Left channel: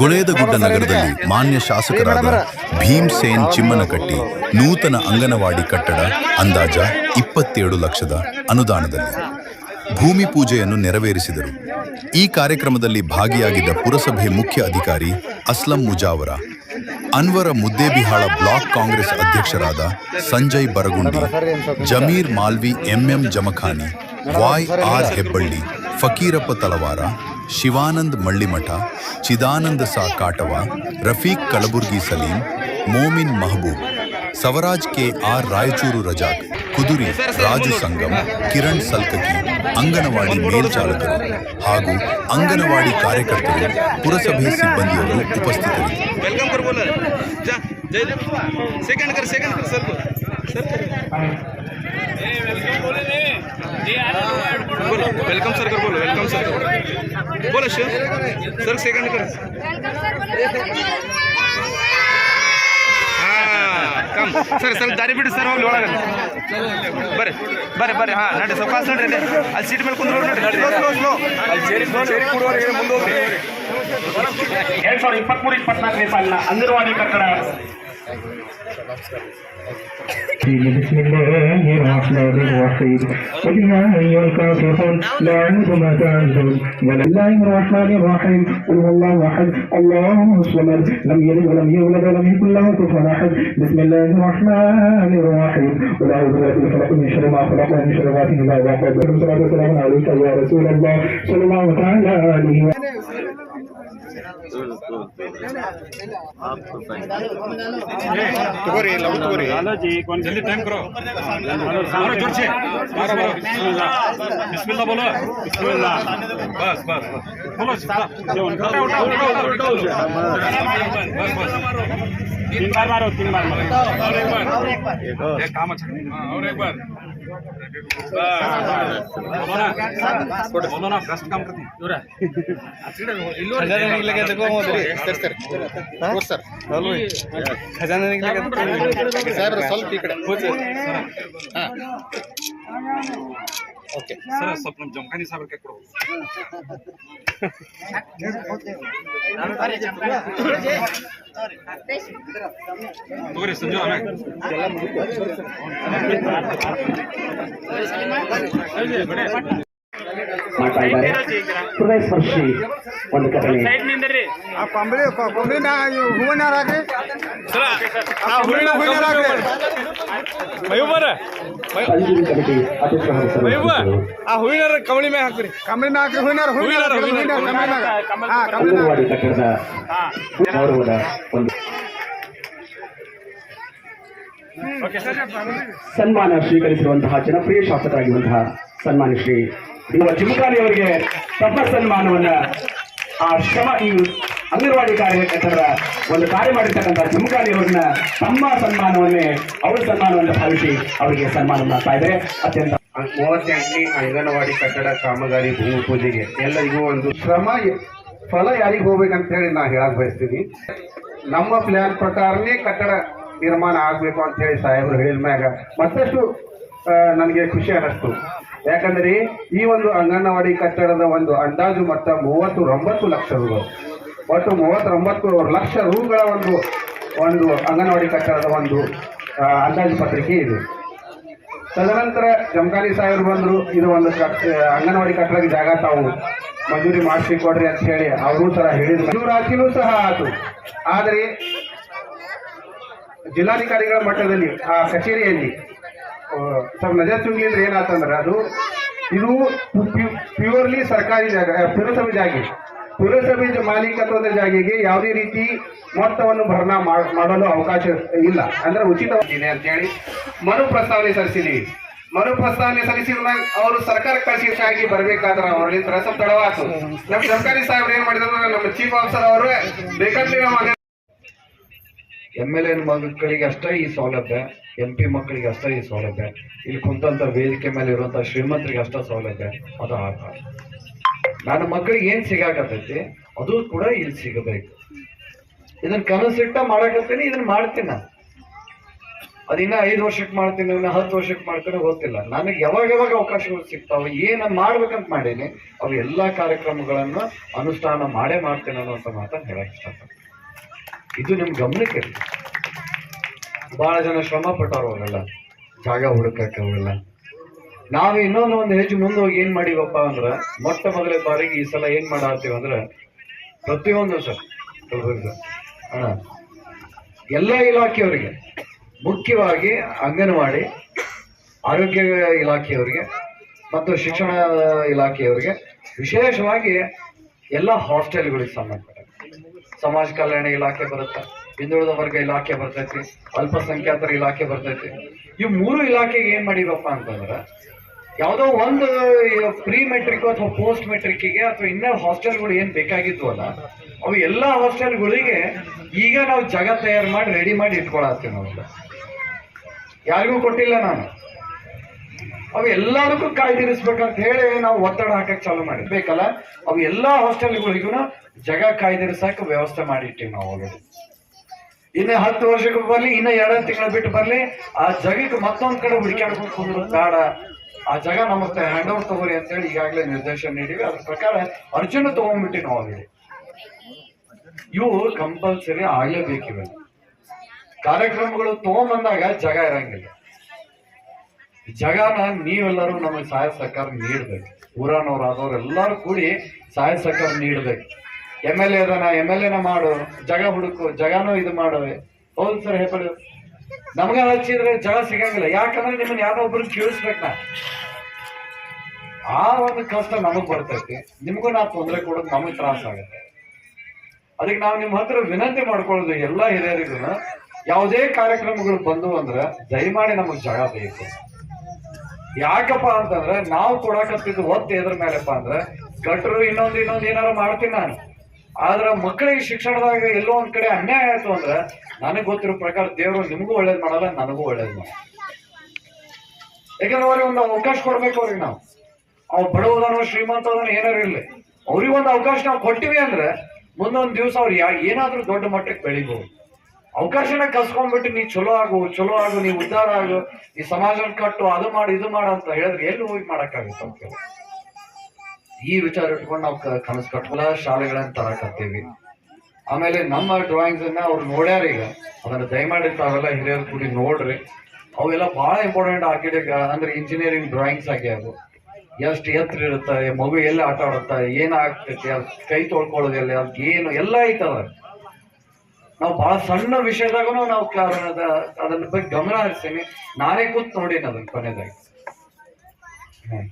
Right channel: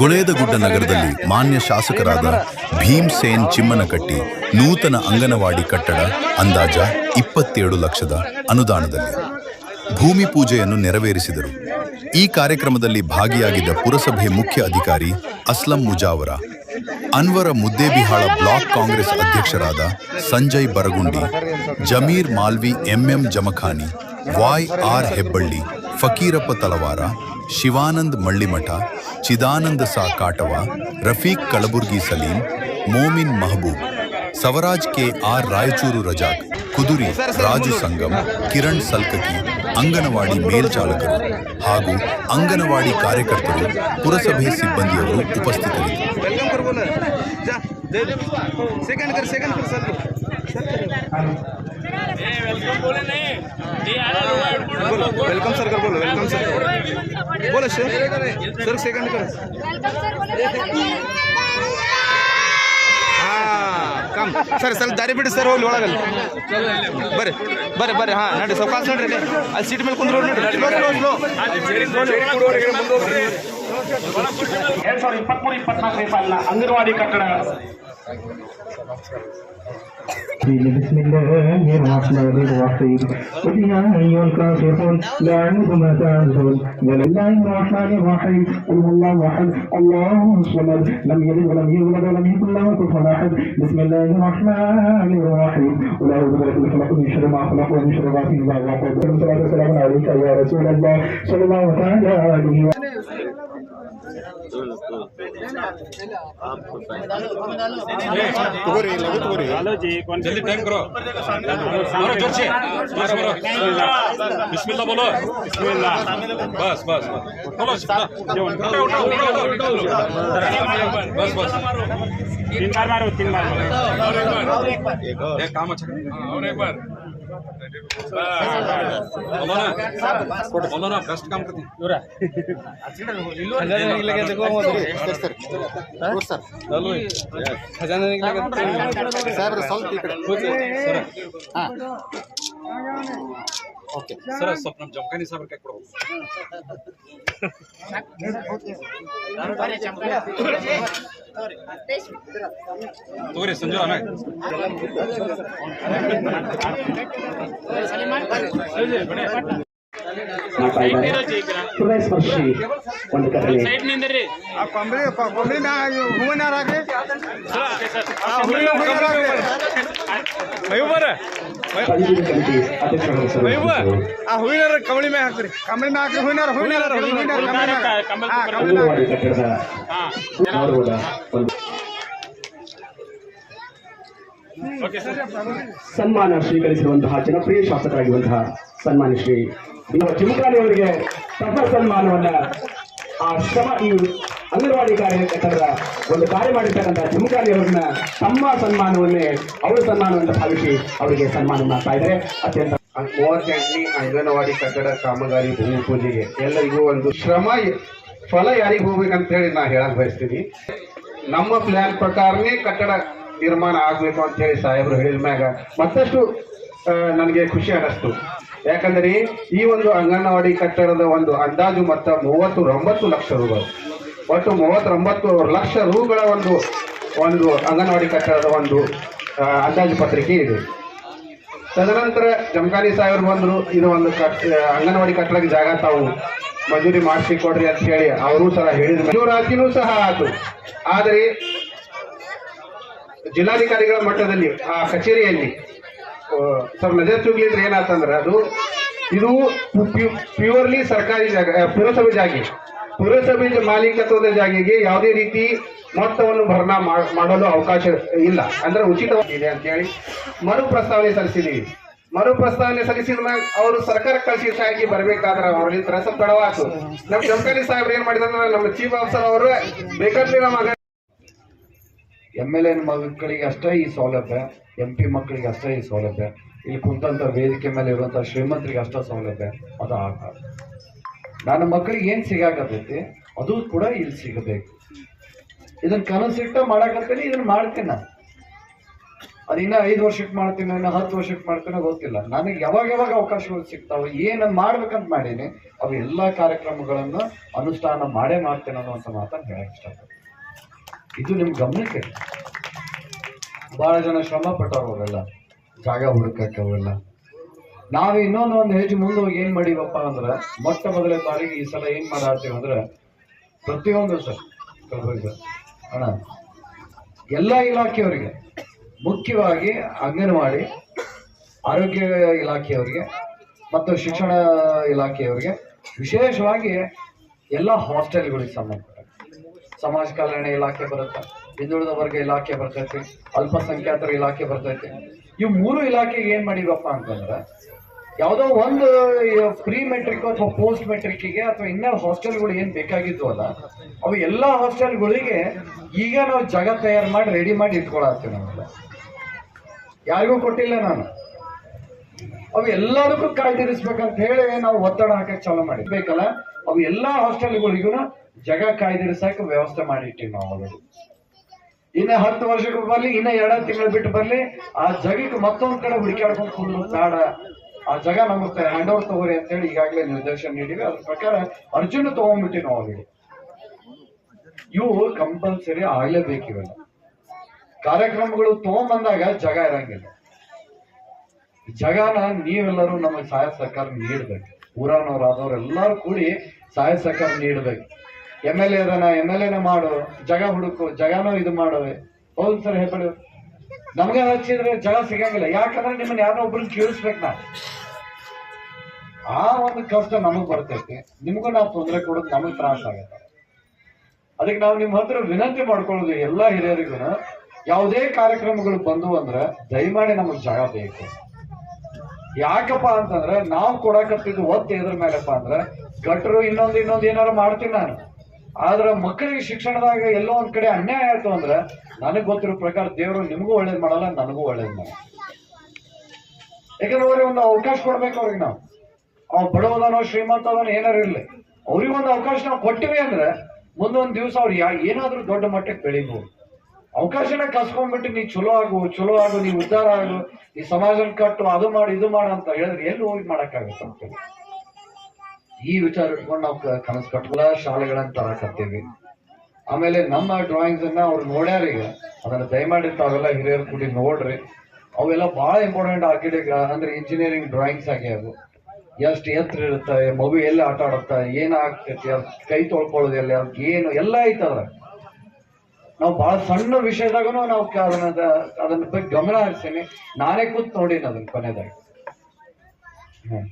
ಗುಳೇದಗುಡ್ಡ ನಗರದಲ್ಲಿ ಮಾನ್ಯ ಶಾಸಕರಾದ ಭೀಮ್ ಸೇನ್ ಚಿಮ್ಮನಕಟ್ಟಿ ನೂತನ ಅಂಗನವಾಡಿ ಕಟ್ಟಡ ಅಂದಾಜ ಇಪ್ಪತ್ತೇಳು ಲಕ್ಷದ ಅನುದಾನದಲ್ಲಿ ಭೂಮಿ ಪೂಜೆಯನ್ನು ನೆರವೇರಿಸಿದರು. ಈ ಕಾರ್ಯಕ್ರಮದಲ್ಲಿ ಭಾಗಿಯಾಗಿದ್ದ ಪುರಸಭೆ ಮುಖ್ಯ ಅಧಿಕಾರಿ ಅಸ್ಲಂ ಮುಜಾವರ, ಅನ್ವರ ಮುದ್ದೇಬಿಹಾಳ ಬ್ಲಾಕ್ ಕಾಂಗ್ರೆಸ್ ಅಧ್ಯಕ್ಷರಾದ Sanjay Baragundi, Zameer Malvi MM Jamkhani, Y R Hebballi, Fakirappa Talawar Shivanand Mallimath, Chidananda ಸಾ ಕಾಟವ, ರಫೀಕ್ ಕಲಬುರ್ಗಿ ಸಲೀಂ, ಮೋಮಿನ್ ಮಹಬೂಬ್, ಸವರಾಜ್ ಕೆ ಆರ್ ರಾಯಚೂರು ರಜಾಕ್, ಕುದುರಿ ರಾಜು ಸಂಗಮ್, ಕಿರಣ್ ಸಲ್ಕಕಿ, ಅಂಗನವಾಡಿ ಮೇಲ್ಚಾಲಕರು ಹಾಗೂ ಅಂಗನವಾಡಿ ಕಾರ್ಯಕರ್ತರು, ಪುರಸಭೆ ಸಿಬ್ಬಂದಿಯವರು ಉಪಸ್ಥಿತರಿದ್ದರು. वेलकम करो बोलो जा जयदीप सेकंड कर सेकंड कर सर बोलो वेलकम सर कर बोलो वेलकम सर बोलो सर सर सेकंड कर ಕಮ್ ಸರ್ ಸ್ವಲ್ಪ ದಾರಿ ಬಿಡಿ ಸರ್ ಹೋಗ್ಲಿ ಒಳಗಲ್ಲ ಬರ್ರಿ ಬರ್ರಿ ಬರ್ರಿ ಹಾಂ ನಡಿ ಸೌಕಾಸ ನೋಡ್ರಿ ಅಲ್ಲಿ ಸೀಟ್ ಮೇಲೆ ಕುಂದ್ರು ಎರಡ್ ಸಾವಿರದ ಇಪ್ಪತ್ಮೂರು ಇಪ್ಪತ್ನಾಲ್ಕನೇ ಸಾಲಿನ ಅಂಗನವಾಡಿ ಕಟ್ಟಡ بسم الله الرحمن الرحيم قل يا أيها الكافرون لا أعبد ما تعبدون بسم الله الرحمن الرحيم قل هو الله أحد الله الصمد لم يلد ولم يولد ولم يكن له كفوا أحد بسم الله الرحمن الرحيم قل أعوذ برب الفلق من شر ما خلق ومن شر غاسق إذا وقب والصلاة والسلام عليك يا رسول الله صلى الله تعالى عليه وسلم हेलो जी कौन जल्दी टाइम करो हेलो जोर से मारो मारो बिस्मिल्लाह बोलो बिस्मिल्लाह बस बस बोलो जो उठो उठो बस बस तीन बार मारो तीन बार मारो और एक बार एक काम अच्छा और एक बार ಖಜಾನೆ ನಿಗ್ಲಿಕ್ಕೆ ಸ್ವಲ್ಪ ಓಕೆ. ಸರ್ ಸ್ವಲ್ಪ ನಮ್ಮ ಜಮಖಾನಿ ಸಾಬ್ರ ಕೈ ಕೊಡು ತೋರಿ ಸಂಜು ಆಮೇಲೆ ಮಾಡ್ತಾ ಇದ್ದಾರೆ ಹೃದಯ ಸ್ಪರ್ಶಿ ಒಂದು ಕಥೆ. ಕಮಿಟಿ ಆ ಕಮಳಿ ಮೇಲೆ ಹಾಕ್ರಿ. ಕಮಳಿ ಅಂಗನವಾಡಿ ಕಟ್ಟಡದ ಗೌರವದ ಒಂದು ಸನ್ಮಾನ ಸ್ವೀಕರಿಸಿರುವಂತಹ ಜನಪ್ರಿಯ ಶಾಸಕರಾಗಿರುವಂತಹ ಸನ್ಮಾನ್ಯ ಶ್ರೀ ನಮ್ಮ ಚಿಮುಕಾಲಿ ಅವರಿಗೆ ತಮ್ಮ ಸನ್ಮಾನವನ್ನ, ಆ ಶ್ರಮ ಈ ಅಂಗನವಾಡಿ ಕಾರ್ಯಕರ್ತರ ಒಂದು ಕಾರ್ಯ ಮಾಡಿರ್ತಕ್ಕಂಥ ಚಿಮುಕಾಲಿ ಅವರನ್ನ ತಮ್ಮ ಸನ್ಮಾನವನ್ನೇ ಅವರ ಸನ್ಮಾನವನ್ನು ಭಾವಿಸಿ ಅವರಿಗೆ ಸನ್ಮಾನ ಮಾಡ್ತಾ ಇದ್ದಾರೆ. ಅತ್ಯಂತ ಮೂವತ್ತೆಂಟನೇ ಅಂಗನವಾಡಿ ಕಟ್ಟಡ ಕಾಮಗಾರಿ ಭೂಮಿ ಪೂಜೆಗೆ ಎಲ್ಲರಿಗೂ ಒಂದು ಶ್ರಮ, ಫಲ ಯಾರಿಗೆ ಹೋಗ್ಬೇಕಂತ ಹೇಳಿ ನಾ ಹೇಳಕ್ ಬಯಸ್ತೀನಿ. ನಮ್ಮ ಪ್ಲಾನ್ ಪ್ರಕಾರನೇ ಕಟ್ಟಡ ನಿರ್ಮಾಣ ಆಗ್ಬೇಕು ಅಂತ ಹೇಳಿ ಸಾಹೇಬರು ಹೇಳಿದ ಮತ್ತಷ್ಟು ನನಗೆ ಖುಷಿ ಅನ್ನಿಸ್ತು. ಯಾಕಂದ್ರೆ ಈ ಒಂದು ಅಂಗನವಾಡಿ ಕಟ್ಟಡದ ಒಂದು ಅಂದಾಜು ಮೊತ್ತ ಮೂವತ್ತೊಂಬತ್ತು ಲಕ್ಷ ರೂಗಳು. ಒಟ್ಟು ಮೂವತ್ತೊಂಬತ್ತು ಲಕ್ಷ ರೂಗಳ ಒಂದು ಒಂದು ಅಂಗನವಾಡಿ ಕಟ್ಟಡದ ಒಂದು ಅಂದಾಜು ಪತ್ರಿಕೆ ಇದೆ. ತದನಂತರ ಜಮಖಾನಿ ಸಾಹೇಬರು ಬಂದರು, ಇದು ಒಂದು ಅಂಗನವಾಡಿ ಕಟ್ಟಡಕ್ಕೆ ಜಾಗ ತಾವು ಮಂಜೂರಿ ಮಾಡಿಸಿ ಕೊಡ್ರಿ ಅಂತ ಹೇಳಿ ಅವರು ಸಹ ಹೇಳಿದ್ರು. ಮಂಜೂರಾತಿನೂ ಸಹ ಆತು ಆದರೆ ಜಿಲ್ಲಾಧಿಕಾರಿಗಳ ಮಟ್ಟದಲ್ಲಿ, ಆ ಕಚೇರಿಯಲ್ಲಿ ಸ್ವಲ್ಪ ನಜರ್ ಚುಗ್ಲಿದ್ರೆ ಏನಾತಂದ್ರೆ ಅದು ಇದು ಪ್ಯೂರ್ಲಿ ಸರ್ಕಾರಿ ಜಾಗ ಪುರಸಭೆ ಜಾಗ. ಪುರಸಭೆ ಮಾಲೀಕತ್ವದ ಜಾಗೆಗೆ ಯಾವುದೇ ರೀತಿ ಮೊತ್ತವನ್ನು ಭರಣ ಮಾಡಲು ಅವಕಾಶ ಇಲ್ಲ. ಅಂದ್ರೆ ಉಚಿತವಾಗಿದೆ ಅಂತ ಹೇಳಿ ಮರು ಪ್ರಸ್ತಾವನೆ ಸಲ್ಲಿಸಿದೀವಿ. ಮರು ಪ್ರಸ್ತಾವನೆ ಸಲ್ಲಿಸಿದ ಅವರು ಸರ್ಕಾರ ಕಳಿಸಿ ಬರ್ಬೇಕಾದ್ರೆ ಅವರಲ್ಲಿ ಸ್ವಲ್ಪ ತಡವಾತು. ನಮ್ಮ ಸರ್ಕಾರಿ ಸಾಹೇಬ್ರು ಏನ್ ಮಾಡಿದ್ರು ನಮ್ಮ ಚೀಫ್ ಆಫೀಸರ್ ಅವರು ಬೇಕಾದ್ರೆ ಎಂ ಎಲ್ ಎನ್ ಮಕ್ಕಳಿಗೆ ಅಷ್ಟೇ ಈ ಸೌಲಭ್ಯ ಎಂ ಪಿ ಮಕ್ಕಳಿಗೆ ಅಷ್ಟೇ ಈ ಸೌಲಭ್ಯ. ಇಲ್ಲಿ ಕುಂತಂತ ವೇದಿಕೆ ಮೇಲೆ ಇರುವಂತ ಶ್ರೀಮಂತರಿಗೆ ಅಷ್ಟೇ ಸೌಲಭ್ಯ. ಅದು ಆಟ. ನನ್ನ ಮಕ್ಕಳಿಗೆ ಏನು ಸಿಗಾಕತೈತಿ ಅದು ಕೂಡ ಇಲ್ಲಿ ಸಿಗಬೇಕು. ಇದನ್ನು ಕನಸಿಟ್ಟ ಮಾಡಾಕತ್ತೀನಿ ಇದನ್ನು ಮಾಡ್ತೀನಿ ನಾನು. ಅದಿನ್ನ ಐದು ವರ್ಷಕ್ಕೆ ಮಾಡ್ತೀನಿ, ಇನ್ನ ಹತ್ತು ವರ್ಷಕ್ಕೆ ಮಾಡ್ತೀನಿ ಗೊತ್ತಿಲ್ಲ. ನನಗೆ ಯಾವಾಗ ಯಾವಾಗ ಅವಕಾಶಗಳು ಸಿಗ್ತಾವೆ, ಏನು ಮಾಡ್ಬೇಕಂತ ಮಾಡೀನಿ, ಅವು ಎಲ್ಲಾ ಕಾರ್ಯಕ್ರಮಗಳನ್ನು ಅನುಷ್ಠಾನ ಮಾಡೇ ಮಾಡ್ತೇನೆ ಅನ್ನೋಂಥ ಮಾತನ್ನು ಹೇಳಕ್ ಇಷ್ಟಪಡ್ತೀನಿ. ಇದು ನಿಮ್ಮ ಗಮನಕ್ಕೆ? ಭಾಳ ಜನ ಶ್ರಮ ಪಟ್ಟವ್ರು ಅವರೆಲ್ಲ. ಜಾಗ ಹುಡುಕಕ್ಕೆ ಅವರೆಲ್ಲ. ನಾವು ಇನ್ನೊಂದು ಒಂದು ಹೆಜ್ಜೆ ಮುಂದೆ ಹೋಗಿ ಏನು ಮಾಡೀವಪ್ಪ ಅಂದ್ರೆ, ಮೊಟ್ಟ ಮೊದಲ ಬಾರಿಗೆ ಈ ಸಲ ಏನು ಮಾಡಾತೀವಿ ಅಂದ್ರೆ, ಪ್ರತಿಯೊಂದು ಸರ್ ಕಲಬುರ್ಗಿ ಅಣ್ಣ, ಎಲ್ಲ ಇಲಾಖೆಯವರಿಗೆ, ಮುಖ್ಯವಾಗಿ ಅಂಗನವಾಡಿ, ಆರೋಗ್ಯ ಇಲಾಖೆಯವರಿಗೆ ಮತ್ತು ಶಿಕ್ಷಣ ಇಲಾಖೆಯವರಿಗೆ ವಿಶೇಷವಾಗಿ ಎಲ್ಲ ಹಾಸ್ಟೆಲ್ಗಳಿಗೆ ಸಂಬಂಧಪಟ್ಟ ಸಮಾಜ ಕಲ್ಯಾಣ ಇಲಾಖೆ ಬರುತ್ತೆ, ಹಿಂದುಳಿದ ವರ್ಗ ಇಲಾಖೆ ಬರ್ತೈತಿ, ಅಲ್ಪಸಂಖ್ಯಾತರ ಇಲಾಖೆ ಬರ್ತೈತಿ. ಈ ಮೂರು ಇಲಾಖೆಗೆ ಏನ್ ಮಾಡಿವಪ್ಪ ಅಂತಂದ್ರೆ, ಯಾವುದೋ ಒಂದು ಪ್ರೀ ಮೆಟ್ರಿಕ್ ಅಥವಾ ಪೋಸ್ಟ್ ಮೆಟ್ರಿಕ್ಗೆ ಅಥವಾ ಇನ್ನೂ ಹಾಸ್ಟೆಲ್ಗಳು ಏನ್ ಬೇಕಾಗಿತ್ತು ಅಲ್ಲ, ಅವು ಎಲ್ಲಾ ಹಾಸ್ಟೆಲ್ಗಳಿಗೆ ಈಗ ನಾವು ಜಾಗ ತಯಾರು ಮಾಡಿ ರೆಡಿ ಮಾಡಿ ಇಟ್ಕೊಳತ್ತೀವಿ ನಾವೆಲ್ಲ ಯಾರಿಗೂ ಕೊಟ್ಟಿಲ್ಲ ನಾನು. ಅವು ಎಲ್ಲದಕ್ಕೂ ಕಾಯ್ದಿರಿಸ್ಬೇಕಂತ ಹೇಳಿ ನಾವು ಒತ್ತಡ ಹಾಕಕ್ ಚಾಲು ಮಾಡಿರ್ಬೇಕಲ್ಲ ಅವು ಎಲ್ಲಾ ಹಾಸ್ಟೆಲ್ಗಳಿಗೂ ಜಗ ಕಾಯ್ದಿರಿಸಕ್ ವ್ಯವಸ್ಥೆ ಮಾಡಿಟ್ಟಿವಿ ನಾವು ಆಲ್ರೆಡಿ. ಇನ್ನ ಹತ್ತು ವರ್ಷಕ್ಕೆ ಬರ್ಲಿ, ಇನ್ನ ಎರಡು ತಿಂಗಳು ಬಿಟ್ಟು ಬರ್ಲಿ, ಆ ಜಗಕ್ಕೆ ಮತ್ತೊಂದ್ ಕಡೆ ಹುಡುಕಾಡ್ಕೊಂಡು ಕುಂದ್ರು ಬೇಡ. ಆ ಜಗ ನಮಗೆ ಹ್ಯಾಂಡ್ ಓವರ್ ತಗೋರಿ ಅಂತ ಹೇಳಿ ಈಗಾಗಲೇ ನಿರ್ದೇಶನ ನೀಡಿವಿ ಅದ್ರ ಪ್ರಕಾರ ಅರ್ಜುನ ತಗೊಂಡ್ಬಿಟ್ಟಿ ನಾವು ಆಲ್ರೆಡಿ. ಇವು ಕಂಪಲ್ಸರಿ ಆಗ್ಲೇಬೇಕಿವೆ ಕಾರ್ಯಕ್ರಮಗಳು ತಗೊಂಬಂದಾಗ ಜಗ ಇರಂಗಿಲ್ಲ. ಜಗನ ನೀವೆಲ್ಲರೂ ನಮಗೆ ಸಹಾಯ ಸಹಕಾರ ನೀಡ್ಬೇಕು. ಊರಾನವ್ರು ಆದವ್ರು ಎಲ್ಲರೂ ಕೂಡಿ ಸಹಾಯ ಸಹಕಾರ ನೀಡ್ಬೇಕು. ಎಂ ಎಲ್ ಎ ಅದನ್ನ ಎಂ ಎಲ್ ಎನ ಮಾಡು, ಜಗ ಹುಡುಕು, ಜಗನೂ ಇದು ಮಾಡವೆ. ಹೌದು ಸರ್ ಹೆಸರು ನಮ್ಗೆ ಹಚ್ಚಿದ್ರೆ ಜಗ ಸಿಗಂಗಿಲ್ಲ. ಯಾಕಂದ್ರೆ ನಿಮ್ಮನ್ನ ಯಾರೋ ಒಬ್ರು ಕೇಳಿಸ್ಬೇಕು ನಾ ಆ ಒಂದು ಕಷ್ಟ ನಮಗ್ ಬರ್ತೈತಿ. ನಿಮ್ಗೂ ನಾವು ತೊಂದರೆ ಕೊಡೋದು ನಮಗ್ ತ್ರಾಸ ಆಗತ್ತೆ. ಅದಕ್ಕೆ ನಾವು ನಿಮ್ಮ ಹತ್ರ ವಿನಂತಿ ಮಾಡ್ಕೊಳ್ಳೋದು ಎಲ್ಲ ಹಿರಿಯರಿಗೂ ಯಾವುದೇ ಕಾರ್ಯಕ್ರಮಗಳು ಬಂದು ಅಂದ್ರೆ ದಯಮಾಡಿ ನಮಗೆ ಜಾಗ ಬೇಕು. ಯಾಕಪ್ಪ ಅಂತಂದ್ರೆ ನಾವು ಕೊಡಕತ್ತಿದ್ದು ಒತ್ತು ಎದ್ರ ಮೇಲೆಪ್ಪ ಅಂದ್ರೆ ಗಟ್ರು ಇನ್ನೊಂದು ಇನ್ನೊಂದು ಏನಾರ ಮಾಡ್ತೀನಿ ನಾನು. ಆದ್ರೆ ಮಕ್ಕಳಿಗೆ ಶಿಕ್ಷಣದಾಗ ಎಲ್ಲೋ ಒಂದ್ ಕಡೆ ಅನ್ಯಾಯ ಆಯ್ತು ಅಂದ್ರೆ ನನಗ್ ಗೊತ್ತಿರೋ ಪ್ರಕಾರ ದೇವರು ನಿಮಗೂ ಒಳ್ಳೇದ್ ಮಾಡಲ್ಲ, ನನಗೂ ಒಳ್ಳೇದ್ ಮಾಡಲ್ಲ. ಯಾಕಂದ್ರೆ ಅವ್ರಿಗೆ ಒಂದು ಅವಕಾಶ ಕೊಡ್ಬೇಕು ಅವ್ರಿಗೆ ನಾವು. ಅವ್ ಬಡವದನ ಶ್ರೀಮಂತ ಅದಾನೋ ಏನಾರು ಇರ್ಲಿ. ಅವ್ರಿಗೊಂದು ಅವಕಾಶ ನಾವು ಕೊಟ್ಟಿವಿ ಅಂದ್ರೆ ಮುಂದೊಂದ್ ದಿವಸ ಅವ್ರು ಏನಾದ್ರೂ ದೊಡ್ಡ ಮಟ್ಟಕ್ಕೆ ಬೆಳಿಬಹುದು ಅವಕಾಶನ ಕಲ್ಸ್ಕೊಂಡ್ಬಿಟ್ಟು ನೀ ಚಲೋ ಆಗು ಚಲೋ ಆಗು, ನೀ ಉದ್ಧಾರ ಆಗು, ಈ ಸಮಾಜ ಕಟ್ಟು ಅದು ಮಾಡು, ಇದು ಮಾಡು ಅಂತ ಹೇಳಿದ್ರೆ ಎಲ್ಲಿ ಹೋಗಿ ಮಾಡಕ್ಕಾಗುತ್ತೆ ಅಂತ. ಈ ವಿಚಾರ ಇಟ್ಕೊಂಡು ನಾವು ಕನಸು ಕಟ್ಟಲ್ಲ ಶಾಲೆಗಳನ್ನ ತರಕತ್ತೀವಿ. ಆಮೇಲೆ ನಮ್ಮ ಡ್ರಾಯಿಂಗ್ಸ್ ಅನ್ನ ಅವ್ರು ನೋಡ್ಯಾರ ಈಗ. ಅದನ್ನ ದಯಮಾಡಿ ತಾವೆಲ್ಲ ಹಿರಿಯರು ಕೂಡಿ ನೋಡ್ರಿ. ಅವೆಲ್ಲ ಬಹಳ ಇಂಪಾರ್ಟೆಂಟ್ ಆರ್ಕಿಟೆಕ್ಟ್ ಅಂದ್ರೆ ಇಂಜಿನಿಯರಿಂಗ್ ಡ್ರಾಯಿಂಗ್ಸ್ ಆಗ್ಯಾವು ಎಷ್ಟು ಎತ್ತರ ಇರುತ್ತೆ, ಮಗು ಎಲ್ಲಿ ಆಟ ಆಡುತ್ತೆ, ಏನಾಗ್ತೈತಿ ಆಗ್ತೈತಿ ಕೈ ತೊಳ್ಕೊಳ್ಳೋದು ಎಲ್ಲಿ ಅದ್ ಏನು ಎಲ್ಲ ಐತದ. ನಾವು ಬಹಳ ಸಣ್ಣ ವಿಷಯದಾಗೂ ನಾವು ಅದನ್ನ ಬಗ್ಗೆ ಗಮನ ಹರಿಸ್ತೀನಿ. ನಾನೇ ಕೂತ್ ನೋಡಿ ಅದನ್ನ ಕೊನೆದಾಗಿ ಹ್ಮ್.